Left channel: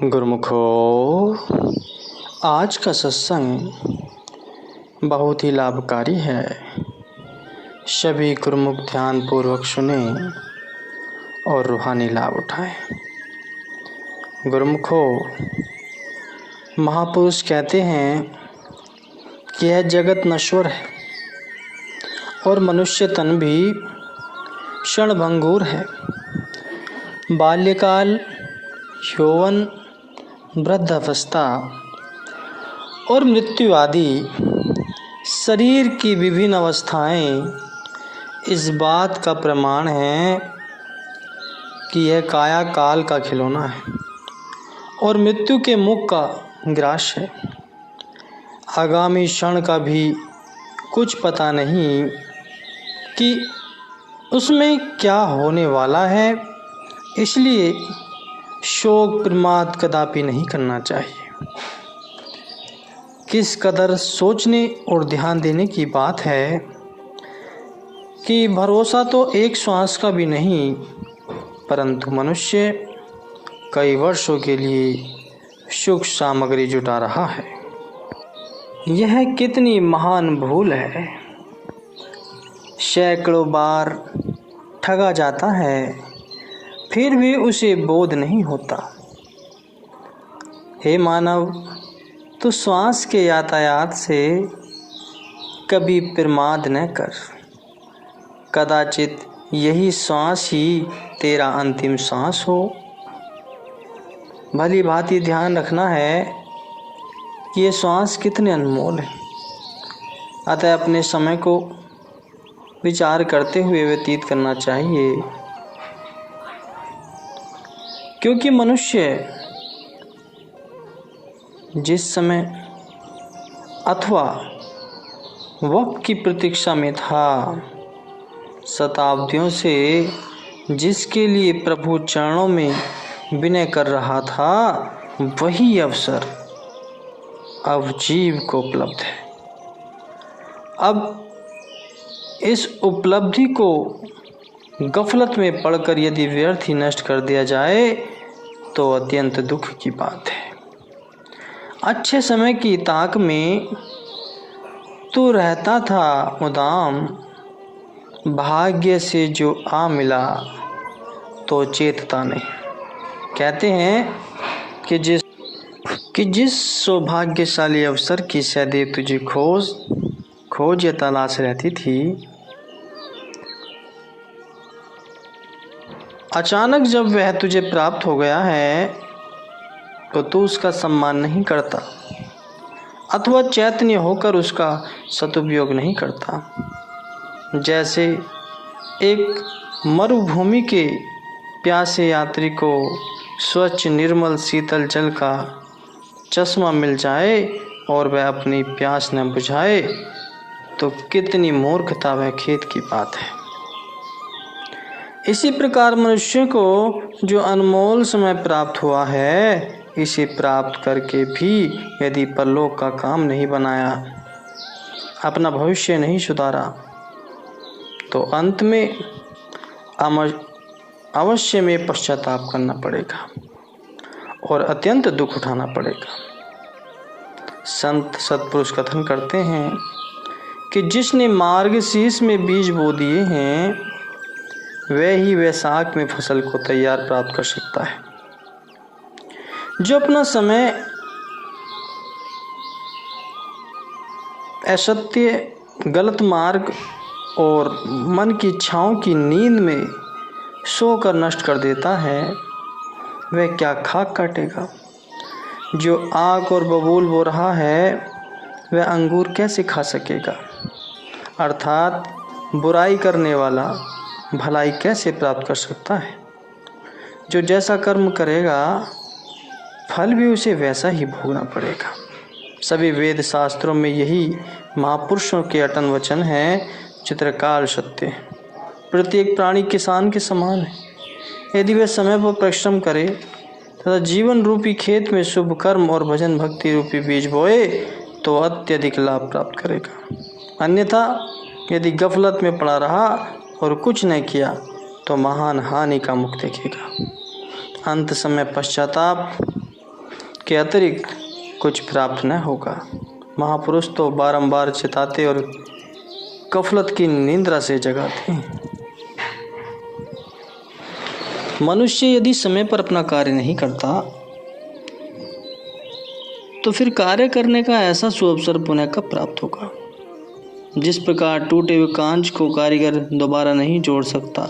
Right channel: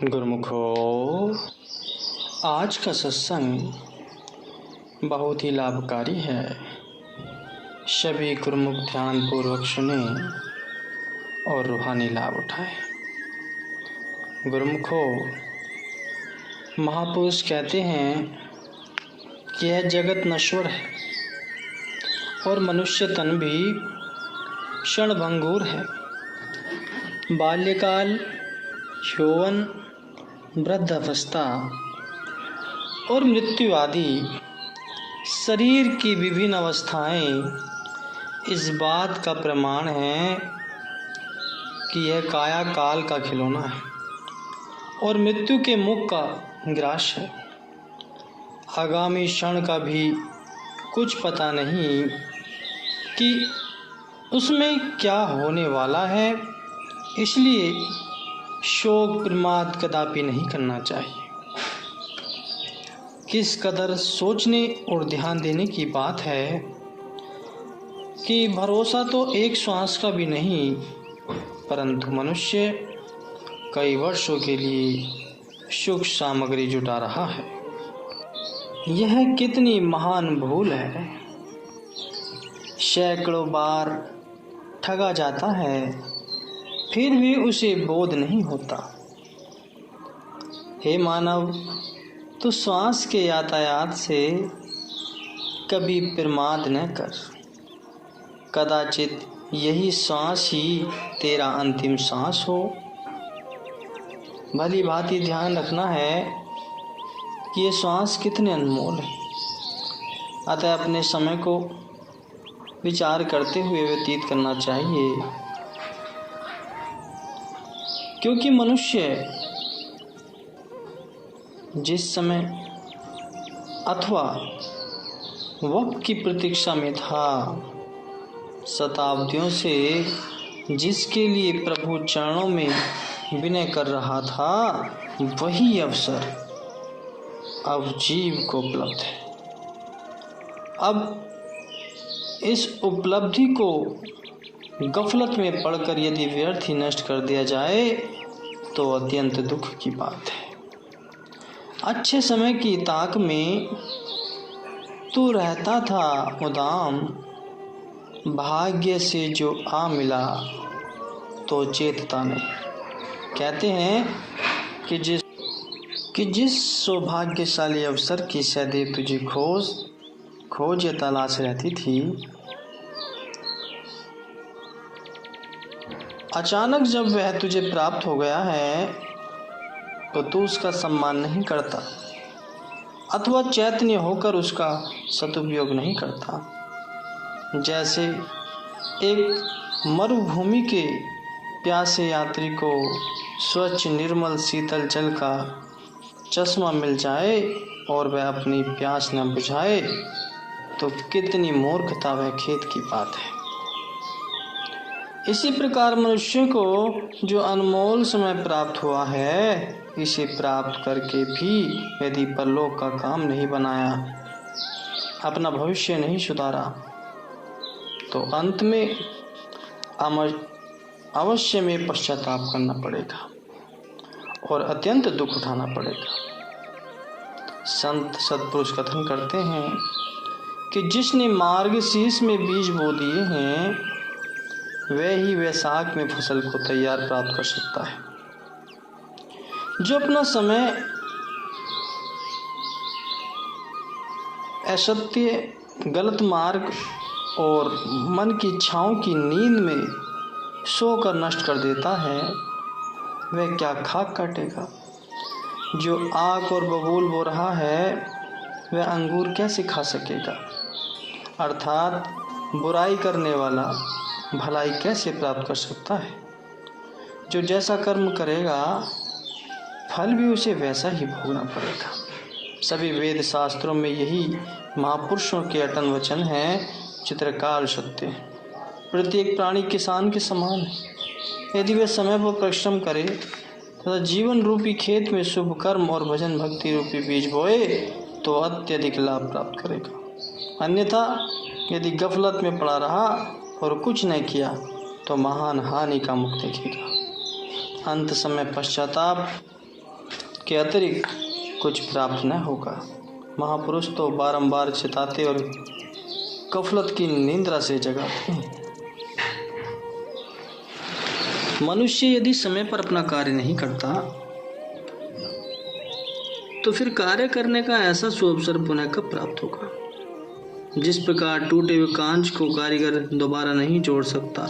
गुरुमुखो, आज का सत्संग बहुत ही लाभकारी है। सभी गुरुमुख ध्यान पूर्वक सुने और रूहानी लाभ उठाएं। गुरुमुखो, महापुरुष कहते हैं कि यह जगत नश्वर है और मनुष्य तन भी क्षणभंगुर है। बाल्यकाल, यौवन, वृद्धावस्था और मृत्यु आदि शरीर की विभिन्न अवस्थाएं इस बात का प्रमाण है कि यह काया काल का खिलौना है और मृत्यु के मुख का ग्रास है। आगामी क्षण का भी कुछ पता नहीं कि उसमें क्या होने वाला है, इसलिए शोक प्रमाद कदापि नहीं करना चाहिए। किस कदर सोचने और ध्यान देने की बात है कि भरोसा तो एक श्वास का भी नहीं, परंतु मनुष्य कई वर्षों के लिए सुख सामग्री जुटा रहा है। यह कितनी महान भूल है। सैकड़ों बार ठगा जाता है, फिर भी उसे बोध नहीं होता। हे मानव, तू श्वास के यातायात से कभी प्रमाद न कर। कदाचित यही श्वास ही तेरा अंतिम श्वास हो। भली भांति ध्यान रखना है कि ये श्वास कितने अनमोल है। अतः अपने समय को विचार करते हुए व्यतीत करना चाहिए, क्योंकि मनुष्य जिस समय अथवा वक्त की प्रतीक्षा में था, शताब्दियों से जिसके लिए प्रभु चरणों में विनय कर रहा था, वही अवसर अब जीव को उपलब्ध है। अब इस उपलब्धि को गफलत में पड़कर यदि व्यर्थ ही नष्ट कर दिया जाए तो अत्यंत दुख की बात है। अच्छे समय की ताक में तू रहता था उदाम, भाग्य से जो आ मिला तो चेतता नहीं। कहते हैं कि जिस सौभाग्यशाली अवसर की सदैव तुझे खोज या तलाश रहती थी, अचानक जब वह तुझे प्राप्त हो गया है तो तू उसका सम्मान नहीं करता अथवा चैतन्य होकर उसका सदुपयोग नहीं करता। जैसे एक मरुभूमि के प्यासे यात्री को स्वच्छ निर्मल शीतल जल का चश्मा मिल जाए और वह अपनी प्यास न बुझाए, तो कितनी मूर्खता व खेद की बात है। इसी प्रकार मनुष्य को जो अनमोल समय प्राप्त हुआ है, इसे प्राप्त करके भी यदि परलोक का काम नहीं बनाया, अपना भविष्य नहीं सुधारा, तो अंत में अवश्य में पश्चाताप करना पड़ेगा और अत्यंत दुख उठाना पड़ेगा। संत सत्पुरुष कथन करते हैं कि जिसने मार्गशीर्ष में बीज बो दिए हैं, वह ही वैशाख में फसल को तैयार प्राप्त कर सकता है। जो अपना समय असत्य, गलत मार्ग और मन की इच्छाओं की नींद में सोकर नष्ट कर देता है, वह क्या खाक काटेगा। जो आग और बबूल बो रहा है, वह अंगूर कैसे खा सकेगा। अर्थात बुराई करने वाला भलाई कैसे प्राप्त कर सकता है। जो जैसा कर्म करेगा, फल भी उसे वैसा ही भोगना पड़ेगा। सभी वेद शास्त्रों में यही महापुरुषों के अटन वचन हैं, चित्रकाल सत्य है। प्रत्येक प्राणी किसान के समान है। यदि वह समय पर परिश्रम करे तथा जीवन रूपी खेत में शुभ कर्म और भजन भक्ति रूपी बीज बोए, तो अत्यधिक लाभ प्राप्त करेगा। अन्यथा यदि गफलत में पड़ा रहा और कुछ नहीं किया, तो महान हानि का मुख देखेगा। अंत समय पश्चाताप के अतिरिक्त कुछ प्राप्त न होगा। महापुरुष तो बारंबार चिताते और गफलत की निंद्रा से जगाते हैं। मनुष्य यदि समय पर अपना कार्य नहीं करता तो फिर कार्य करने का ऐसा सुअवसर पुनः कब प्राप्त होगा। जिस प्रकार टूटे हुए कांच को कारीगर दोबारा नहीं जोड़ सकता,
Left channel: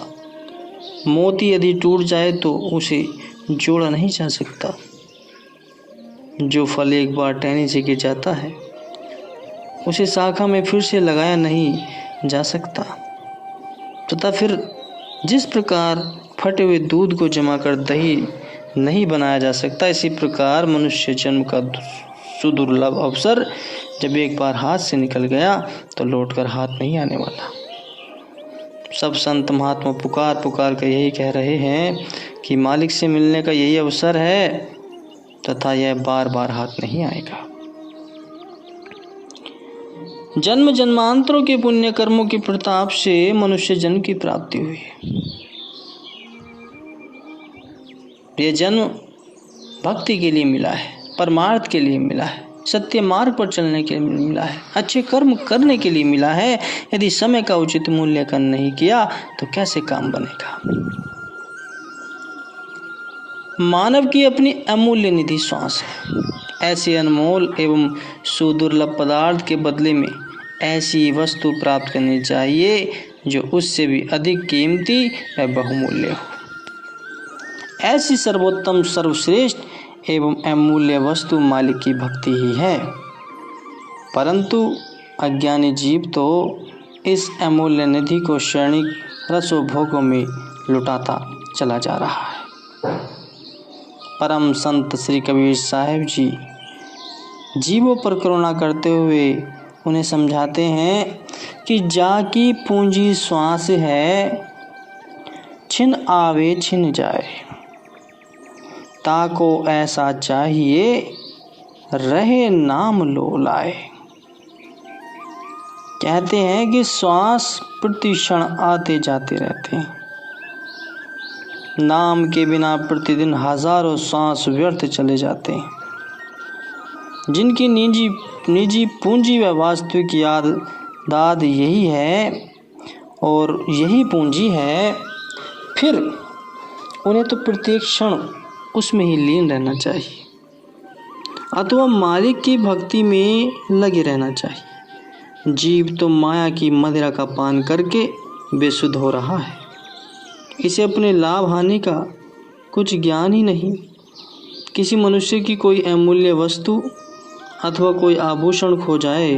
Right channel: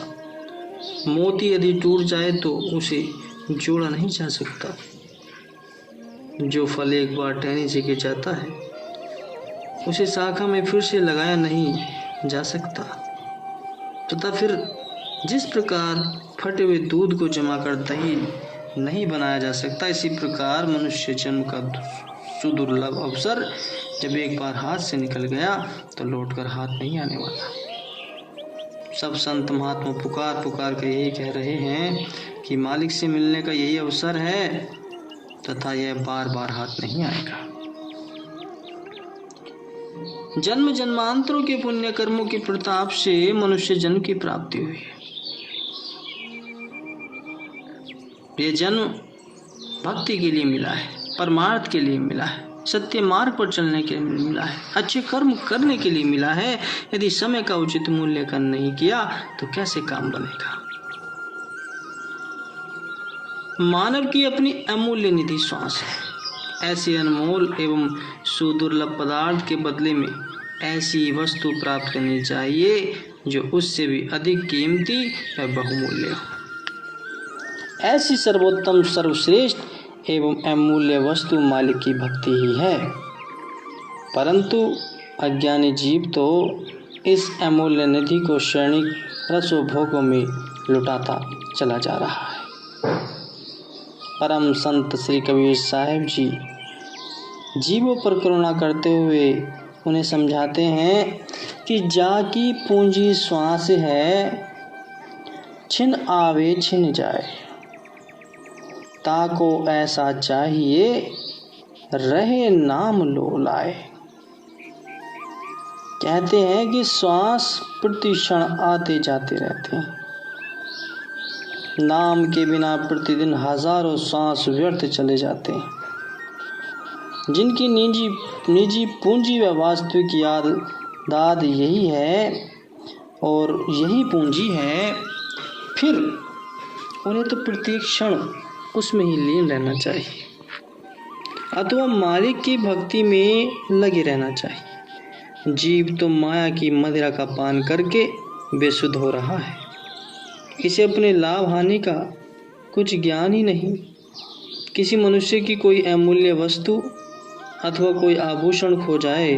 मोती यदि टूट जाए तो उसे जोड़ा नहीं जा सकता, जो फल एक बार टहनी से गिर जाता है उसे शाखा में फिर से लगाया नहीं जा सकता, तथा फिर जिस प्रकार फटे हुए दूध को जमा कर दही नहीं बनाया जा सकता, इसी प्रकार मनुष्य जन्म का सुदुर्लभ अवसर जब एक बार हाथ से निकल गया तो लौटकर हाथ नहीं आने वाला। सब संत महात्मा पुकार पुकार कर यही कह रहे हैं कि मालिक से मिलने का यही अवसर है तथा यह बार बार हाथ नहीं आएगा। जन्म जन्मांतरों के पुण्य कर्मों के प्रताप से मनुष्य जन्म की प्राप्ति हुई है। यह जन्म भक्ति के लिए मिला है, परमार्थ के लिए मिला है, सत्य मार्ग पर चलने के लिए मिला है, अच्छे कर्म करने के लिए मिला है। यदि समय का उचित मूल्यांकन नहीं किया तो कैसे काम बनेगा। मानव की अपनी अमूल्य निधि श्वास है। ऐसे अनमोल एवं सुदुर्लभ पदार्थ के बदले में ऐसी वस्तु प्राप्त करनी चाहिए जो उससे भी अधिक कीमती व बहुमूल्य हो। ऐसी सर्वोत्तम सर्वश्रेष्ठ एवं अमूल्य वस्तु मालिक की भक्ति ही है। परंतु अज्ञानी जीव तो इस अमूल्य निधि को क्षणिक रसोभोगों में लुटाता चला जा रहा है। परम संत श्री कबीर साहिब जी जीवों पर करुणा करते हुए उन्हें समझाते हैं कि जाकी पूंजी श्वास है, छिन आवे छिन जाए, ताको ऐसा चाहिए रहे नाम लो लाए। कहते हैं कि श्वास प्रति क्षण आते जाते रहते हैं। नाम के बिना प्रतिदिन हजारों श्वास व्यर्थ चले जाते हैं। जिनकी निजी पूंजी व वास्तविक याद दाद यही है और यही पूंजी है, फिर उन्हें तो प्रत्येक क्षण उसमें ही लीन रहना चाहिए अथवा मालिक की भक्ति में लगे रहना चाहिए। जीव तो माया की मदिरा का पान करके बेसुध हो रहा है। इसे अपने लाभ हानि का कुछ ज्ञान ही नहीं। किसी मनुष्य की कोई अमूल्य वस्तु अथवा कोई आभूषण खो जाए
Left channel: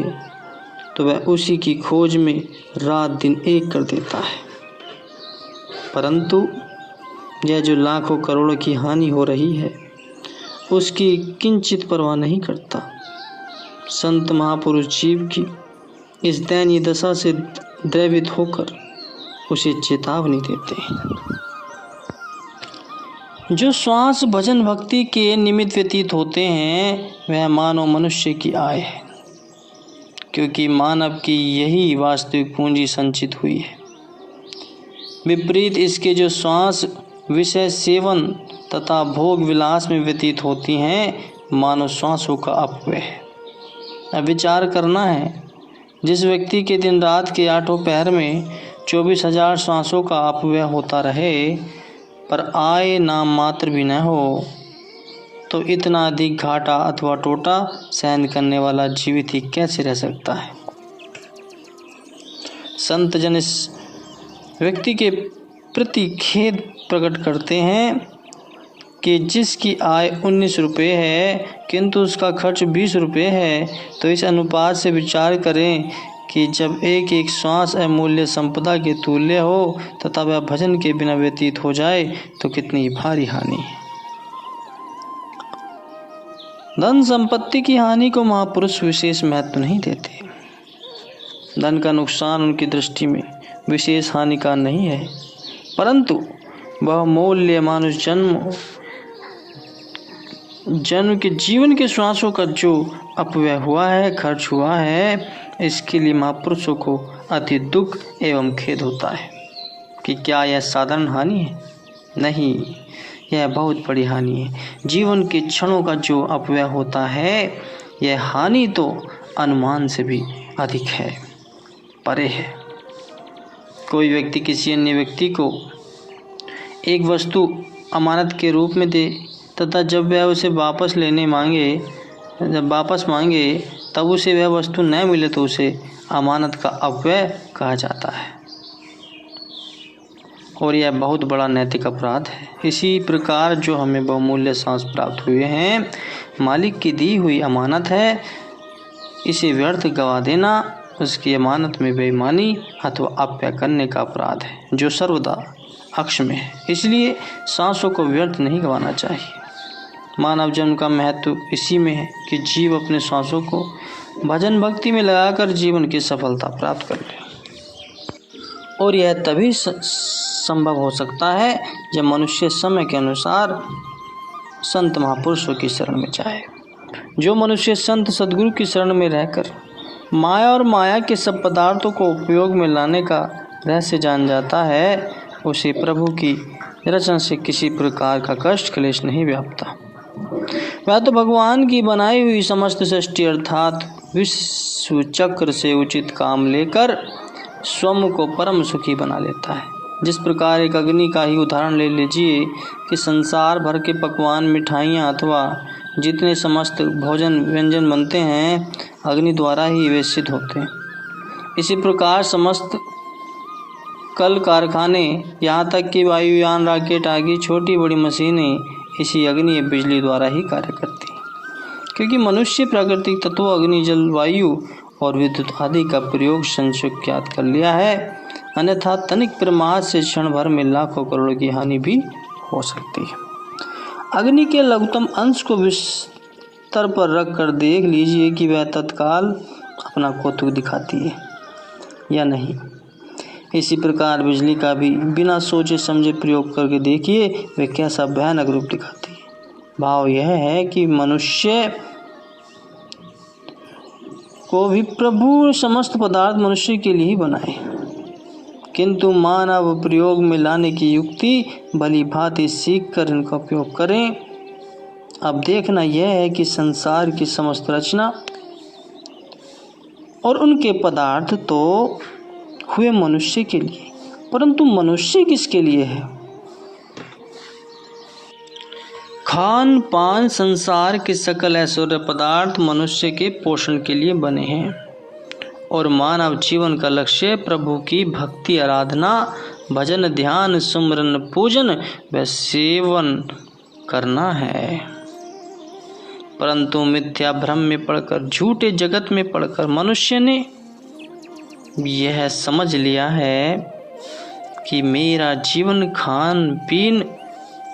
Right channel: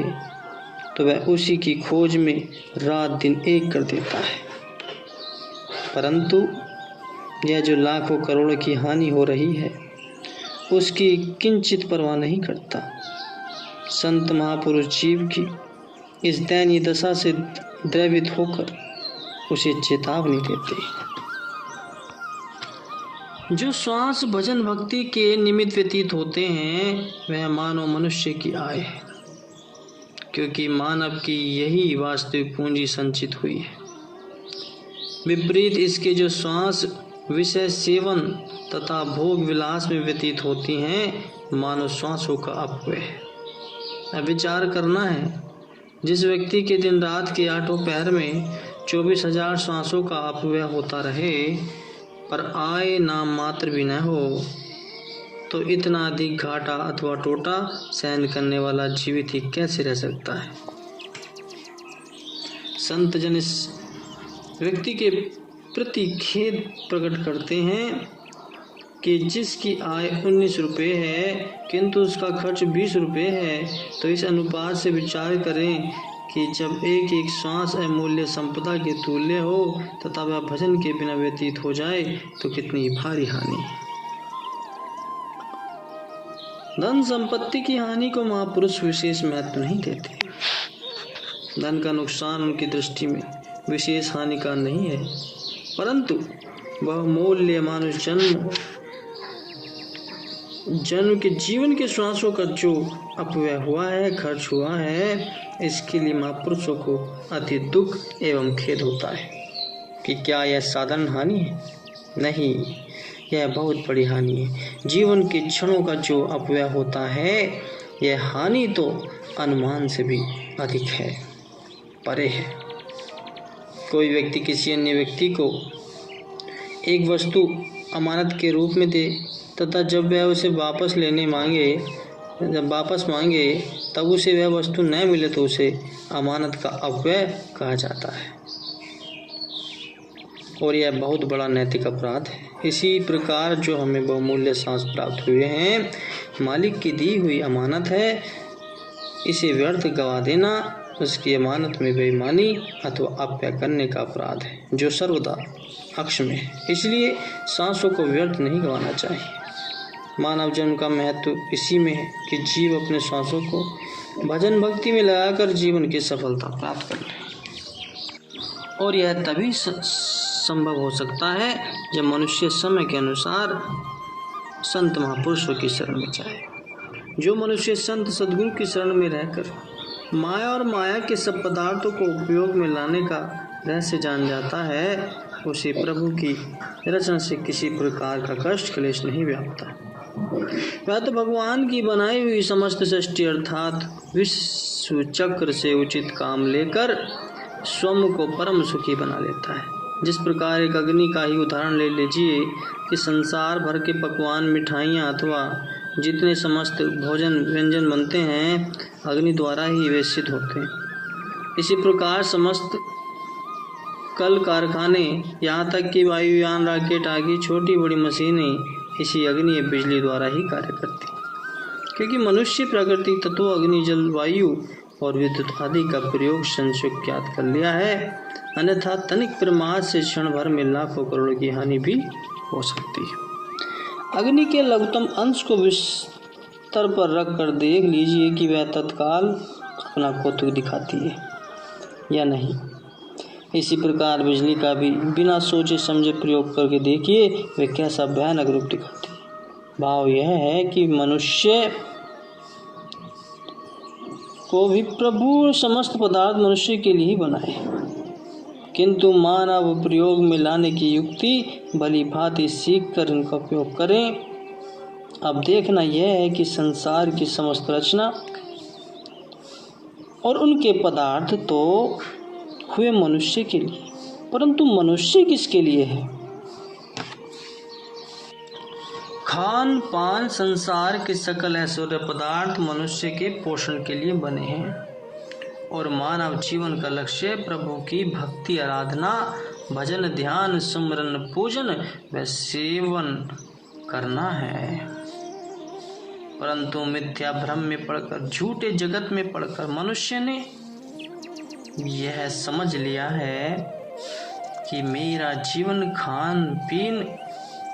तो वह उसी की खोज में रात दिन एक कर देता है। परंतु यह जो लाखों करोड़ों की हानि हो रही है उसकी किंचित परवाह नहीं करता। संत महापुरुष जीव की इस दयनीय दशा से द्रवित होकर उसे चेतावनी देते हैं। जो श्वास भजन भक्ति के निमित्त व्यतीत होते हैं वह मानव मनुष्य की आय है, क्योंकि मानव की यही वास्तविक पूंजी संचित हुई है। विपरीत इसके जो श्वास विषय सेवन तथा भोग विलास में व्यतीत होती हैं, मानव श्वासों का अपव्यय है। अब विचार करना है, जिस व्यक्ति के दिन रात के 8 पहर में 24,000 श्वासों का अपव्यय होता रहे पर आय नाम मात्र भी न हो, तो इतना अधिक घाटा अथवा टोटा सहन करने वाला जीवित ही कैसे रह सकता है। संत जन इस व्यक्ति के प्रति खेद प्रकट करते हैं कि जिसकी आय 19 रुपये है किंतु उसका खर्च 20 रुपये है, तो इस अनुपात से विचार करें कि जब एक एक श्वास अमूल्य संपदा के तुल्य हो तथा वह भजन के बिना व्यतीत हो जाए तो कितनी भारी हानि है। धन संपत्ति की हानि को महापुरुष विशेष महत्व नहीं देते। धन का नुकसान उनकी दृष्टि में विशेष हानि का नहीं है, परंतु वह मूल्य मानुष जन्म के जीवन के श्वासों का जो अपव्यय हुआ है, खर्च हुआ है, इसके लिए महापुरुषों को अति दुख एवं खेद होता है कि क्या यह साधारण हानि है? नहीं, यह बहुत बड़ी हानि है। जीवन के क्षणों का जो अपव्यय होता है, यह हानि तो अनुमान से भी अधिक है, परे है। कोई व्यक्ति किसी अन्य व्यक्ति को एक वस्तु अमानत के रूप में दे तथा जब वह उसे वापस मांगे तब उसे वह वस्तु न मिले तो उसे अमानत का अपव्यय कहा जाता है और यह बहुत बड़ा नैतिक अपराध है। इसी प्रकार जो हमें बहुमूल्य सांस प्राप्त हुए हैं, मालिक की दी हुई अमानत है, इसे व्यर्थ गवा देना उसकी अमानत में बेईमानी अथवा अपव्यय करने का अपराध है जो सर्वदा अक्ष में है। इसलिए सांसों को व्यर्थ नहीं गंवाना चाहिए। मानव जन्म का महत्व इसी में है कि जीव अपने सांसों को भजन भक्ति में लगाकर जीवन की सफलता प्राप्त कर ले और यह तभी संभव हो सकता है जब मनुष्य समय के अनुसार संत महापुरुषों की शरण में जाए। जो मनुष्य संत सद्गुरु की शरण में रहकर माया और माया के सब पदार्थों को उपयोग में लाने का रहस्य जान जाता है, उसे प्रभु की रचना से किसी प्रकार का कष्ट क्लेश नहीं व्यापता। वह तो भगवान की बनाई हुई समस्त सृष्टि अर्थात विश्व चक्र से उचित काम लेकर स्वयं को परम सुखी बना लेता है। जिस प्रकार एक अग्नि का ही उदाहरण ले लीजिए कि संसार भर के पकवान, मिठाइयाँ अथवा जितने समस्त भोजन व्यंजन बनते हैं, अग्नि द्वारा ही वे सिद्ध होते हैं। इसी प्रकार समस्त कल कारखाने, यहाँ तक कि वायुयान, रॉकेट आदि छोटी बड़ी मशीनें इसी अग्नि या बिजली द्वारा ही कार्य करती हैं। क्योंकि मनुष्य प्राकृतिक तत्वों अग्नि, जल, वायु और विद्युत आदि का प्रयोग संस्कृत ज्ञात कर लिया है, अन्यथा तनिक प्रमाद से क्षण भर में लाखों करोड़ों की हानि भी हो सकती है। अग्नि के लघुतम अंश को बिस्तर पर रख कर देख लीजिए कि वह तत्काल अपना कौतुक दिखाती है या नहीं। इसी प्रकार बिजली का भी बिना सोचे समझे प्रयोग करके देखिए वह कैसा भयानक रूप दिखाती है। भाव यह है कि मनुष्य को भी प्रभु समस्त पदार्थ मनुष्य के लिए ही बनाए, किंतु मानव प्रयोग में लाने की युक्ति भली भांति सीख कर इनका उपयोग करें। अब देखना यह है कि संसार की समस्त रचना और उनके पदार्थ तो हुए मनुष्य के लिए, परंतु मनुष्य किसके लिए है? खान पान संसार के सकल ऐश्वर्य पदार्थ मनुष्य के पोषण के लिए बने हैं और मानव जीवन का लक्ष्य प्रभु की भक्ति, आराधना, भजन, ध्यान, सुमरन, पूजन व सेवन करना है। परंतु मिथ्या भ्रम में पड़कर, झूठे जगत में पड़कर मनुष्य ने यह समझ लिया है कि मेरा जीवन खान पीन,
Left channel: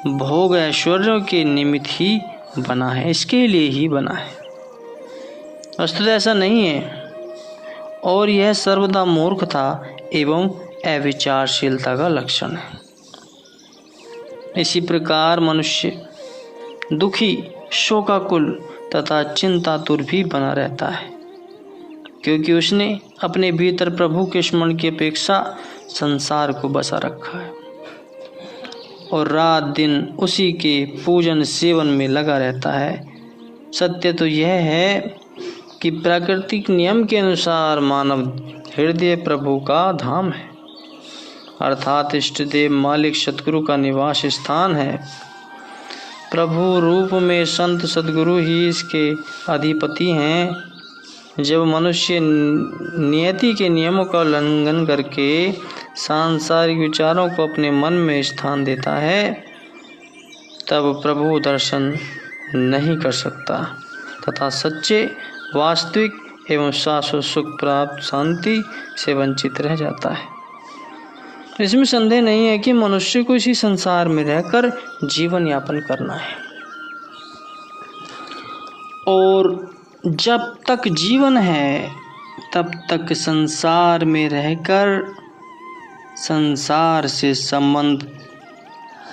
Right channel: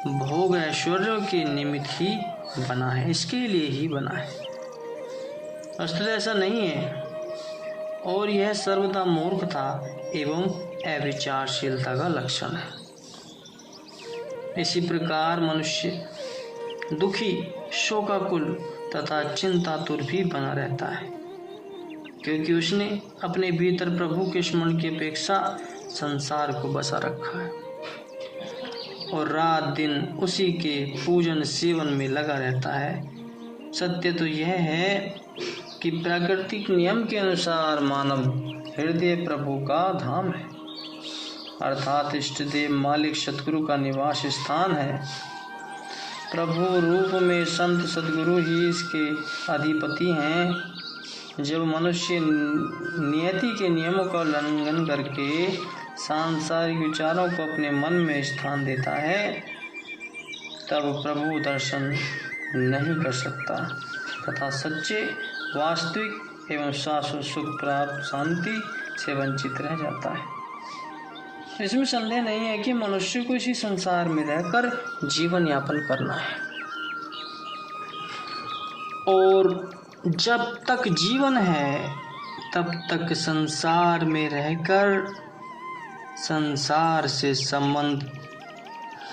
भोग, ऐश्वर्यों के निमित्त ही बना है, इसके लिए ही बना है। वस्तुतः ऐसा नहीं है और यह सर्वदा मूर्खता एवं अविचारशीलता का लक्षण है। इसी प्रकार मनुष्य दुखी, शोकाकुल तथा चिंतातुर भी बना रहता है, क्योंकि उसने अपने भीतर प्रभु के स्मरण की अपेक्षा संसार को बसा रखा है और रात दिन उसी के पूजन सेवन में लगा रहता है। सत्य तो यह है कि प्राकृतिक नियम के अनुसार मानव हृदय प्रभु का धाम है, अर्थात इष्ट देव मालिक सतगुरु का निवास स्थान है। प्रभु रूप में संत सद्गुरु ही इसके अधिपति हैं। जब मनुष्य नियति के नियमों का उल्लंघन करके सांसारिक विचारों को अपने मन में स्थान देता है, तब प्रभु दर्शन नहीं कर सकता तथा सच्चे, वास्तविक एवं शाश्वत सुख प्राप्त शांति से वंचित रह जाता है। इसमें संदेह नहीं है कि मनुष्य को इसी संसार में रहकर जीवन यापन करना है और जब तक जीवन है तब तक संसार में रहकर संसार से संबंध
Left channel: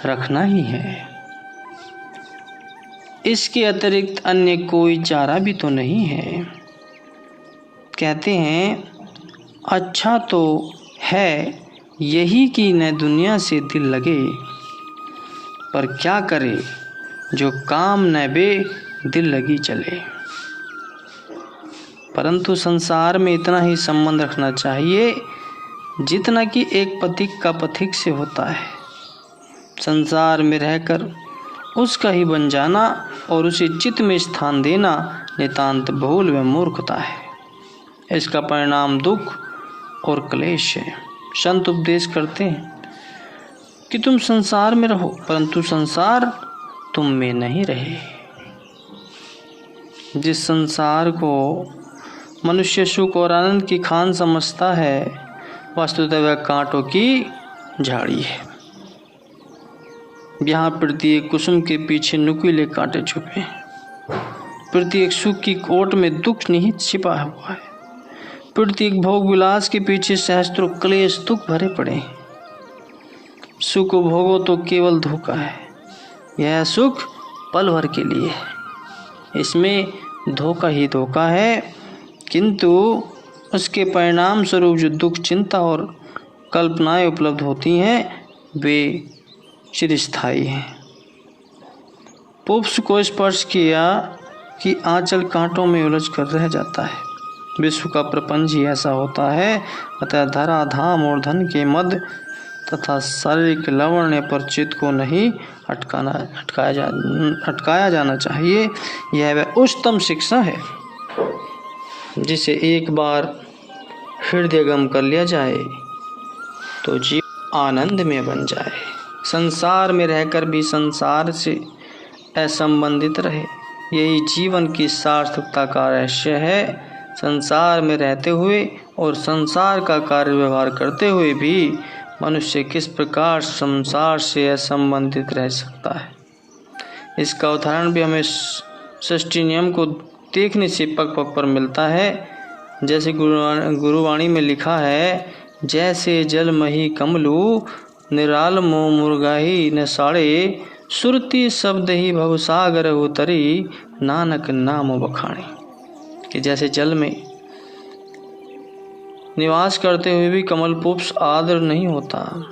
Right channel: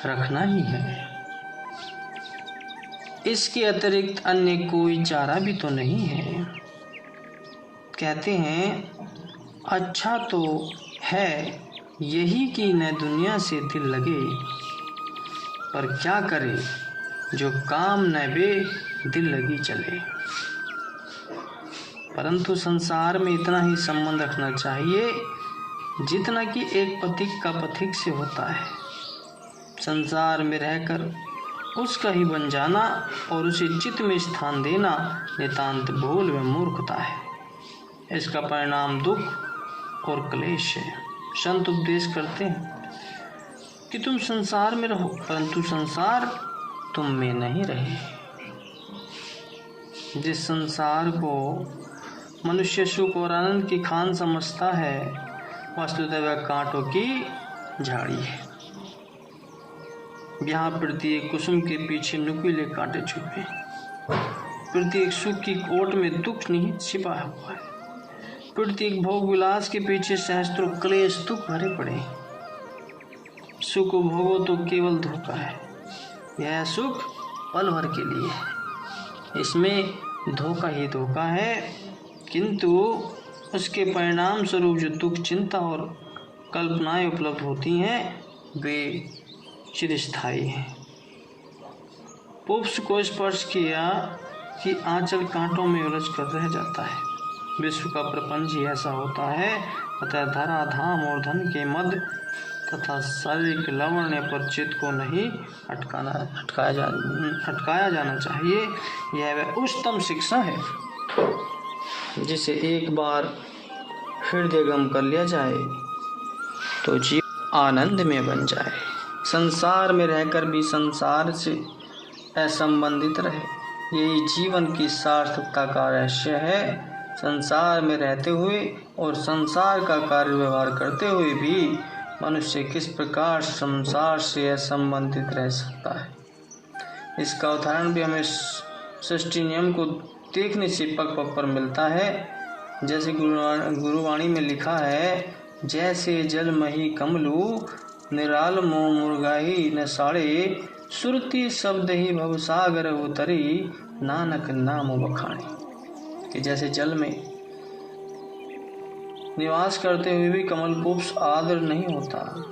रखना ही है। इसके अतिरिक्त अन्य कोई चारा भी तो नहीं है। कहते हैं अच्छा तो है यही कि न दुनिया से दिल लगे पर क्या करे जो काम न बे दिल लगी चले। परंतु संसार में इतना ही संबंध रखना चाहिए जितना कि एक पथिक का पथिक से होता है। संसार में रहकर उसका ही बन जाना और उसे चित्त में स्थान देना नितांत भूल व मूर्खता है। इसका परिणाम दुख और क्लेश है। संत उपदेश करते हैं कि तुम संसार में रहो, परंतु संसार तुम में नहीं रहे। जिस संसार को मनुष्य सुख और आनंद की खान समझता है, वस्तुतः वह कांटों की झाड़ी है। यहाँ प्रत्येक कुसुम के पीछे नुकीले कांटे छुपे हैं। प्रत्येक सुख की कोट में दुख निहित छिपा हुआ है। प्रत्येक भोग विलास के पीछे सहस्त्रों क्लेश दुख भरे पड़े हैं। सुख भोगो तो केवल धोखा है। यह सुख पल भर के लिए है, इसमें धोखा ही धोखा है, किंतु उसके परिणाम स्वरूप जो दुख, चिंता और कल्पनाएं उपलब्ध होती हैं वे चिरस्थायी हैं। पुष्प को स्पर्श किया कि आंचल कांटों में उलझ कर रह जाता है। विश्व का प्रपंच ही ऐसा होता है। अतः धरा, धाम और धन के मद तथा शारीरिक लावण्य पर चित्त को नहीं अटकाया जाना चाहिए। यह वह उच्चतम शिक्षा है जिसे एक बार हृदयगम कर लिया जाए तो जीवन आनंद में बन जाए। संसार में रहकर भी संसार से असंबंधित रहे, यही जीवन की सार्थकता का रहस्य है। संसार में रहते हुए और संसार का कार्य व्यवहार करते हुए भी मनुष्य किस प्रकार संसार से असंबंधित रह सकता है, इसका उदाहरण भी हमें सृष्टि नियम को देखने से पग पग पर मिलता है। जैसे गुरुवाणी में लिखा है, जैसे जल मही कमलू निराल मो मुर्गाही न साड़े, सुरती शब्द ही भवसागर उतरी नानक नाम बखाने। कि जैसे जल में निवास करते हुए भी कमल पुष्प आदर नहीं होता,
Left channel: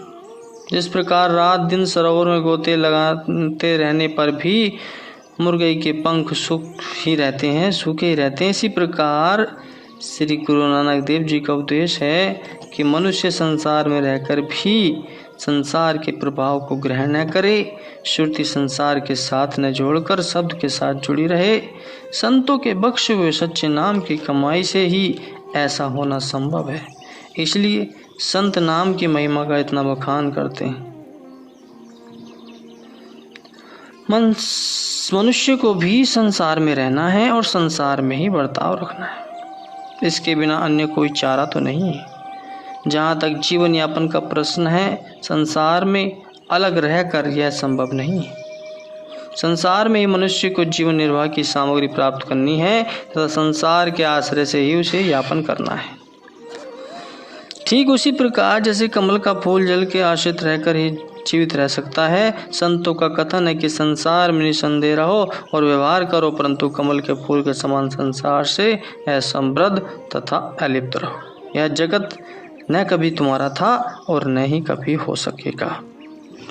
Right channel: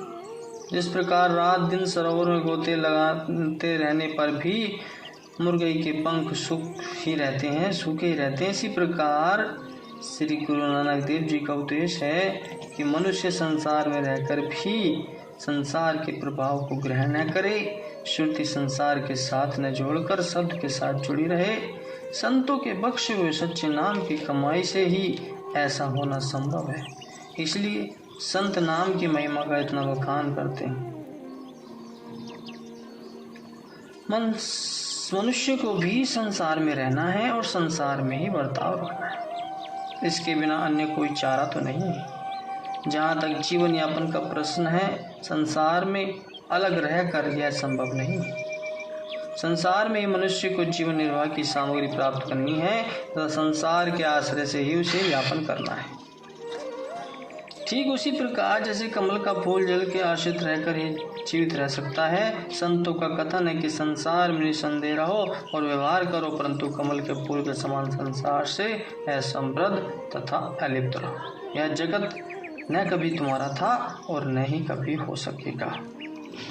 जिस प्रकार रात दिन सरोवर में गोते लगाते रहने पर भी मुर्गई के पंख सूखे ही रहते हैं, इसी प्रकार श्री गुरु नानक देव जी का उपदेश है कि मनुष्य संसार में रहकर भी संसार के प्रभाव को ग्रहण न करे, श्रुति संसार के साथ न जोड़कर शब्द के साथ जुड़ी रहे। संतों के बख्शे हुए सच्चे नाम की कमाई से ही ऐसा होना संभव है। इसलिए संत नाम की महिमा का इतना बखान करते हैं। मनुष्य को भी संसार में रहना है और संसार में ही बर्ताव रखना है, इसके बिना अन्य कोई चारा तो नहीं है। जहाँ तक जीवन यापन का प्रश्न है, संसार में अलग रहकर यह संभव नहीं है। संसार में ही मनुष्य को जीवन निर्वाह की सामग्री प्राप्त करनी है तथा संसार के आश्रय से ही उसे यापन करना है। ठीक उसी प्रकार जैसे कमल का फूल जल के आश्रित रहकर ही जीवित रह सकता है, संतों का कथन है कि संसार में निसंदेह रहो और व्यवहार करो, परंतु कमल के फूल के समान संसार से असंबद्ध तथा अलिप्त रहो। यह जगत न कभी तुम्हारा था और न ही कभी हो सकेगा।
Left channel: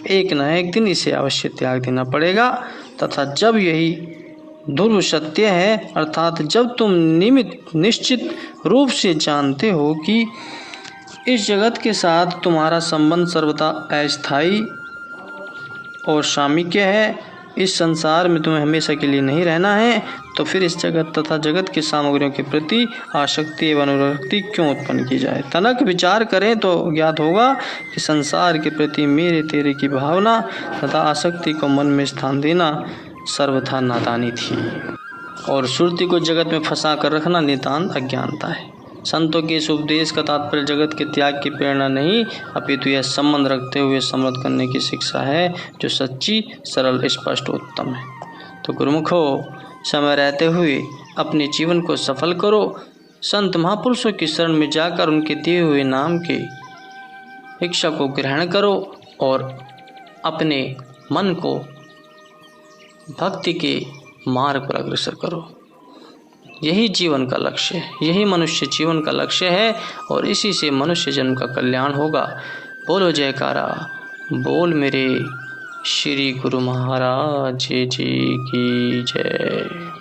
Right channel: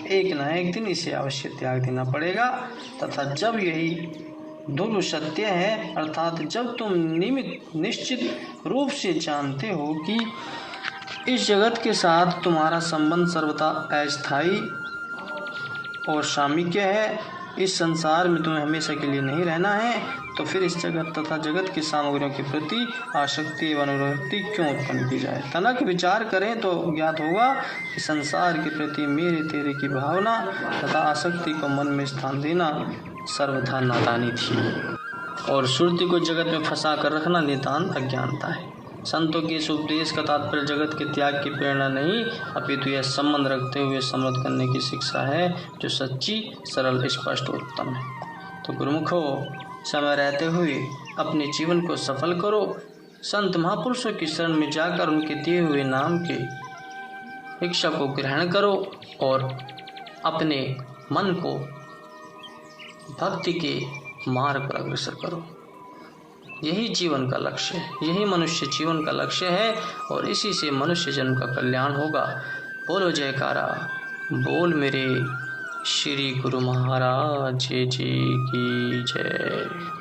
एक न एक दिन इसे अवश्य त्याग देना पड़ेगा तथा जब यही ध्रुव सत्य है, अर्थात जब तुम निश्चित रूप से जानते हो कि इस जगत के साथ तुम्हारा संबंध सर्वथा अस्थायी और सामिक्य है, इस संसार में तुम्हें हमेशा के लिए नहीं रहना है, तो फिर इस जगत तथा जगत की सामग्रियों के प्रति आसक्ति एवं अनुरक्ति क्यों उत्पन्न की जाए। तनक विचार करें तो ज्ञात होगा कि संसार के प्रति मेरे तेरे की भावना तथा आसक्ति को मन में स्थान देना सर्वथा नादानी थी और श्रुति को जगत में फंसा कर रखना नितांत अज्ञानता है। संतों के इस उपदेश का तात्पर्य जगत के त्याग की प्रेरणा नहीं, अपितु यह संबंध रखते हुए समृद्ध करने की शिक्षा है, जो सच्ची, सरल, स्पष्ट और उत्तम है। तो गुरुमुखो, समय रहते हुए अपने जीवन को सफल करो। संत महापुरुषों की शरण में जाकर उनके दिए हुए नाम के शिक्षा को ग्रहण करो और अपने मन को भक्ति के मार्ग पर अग्रसर करो। यही जीवन का लक्ष्य है, यही मनुष्य जीवन का लक्ष्य है और इसी से मनुष्य जन्म का कल्याण होगा। बोलो जयकारा, बोल मेरे श्री गुरु महाराज जी की जय।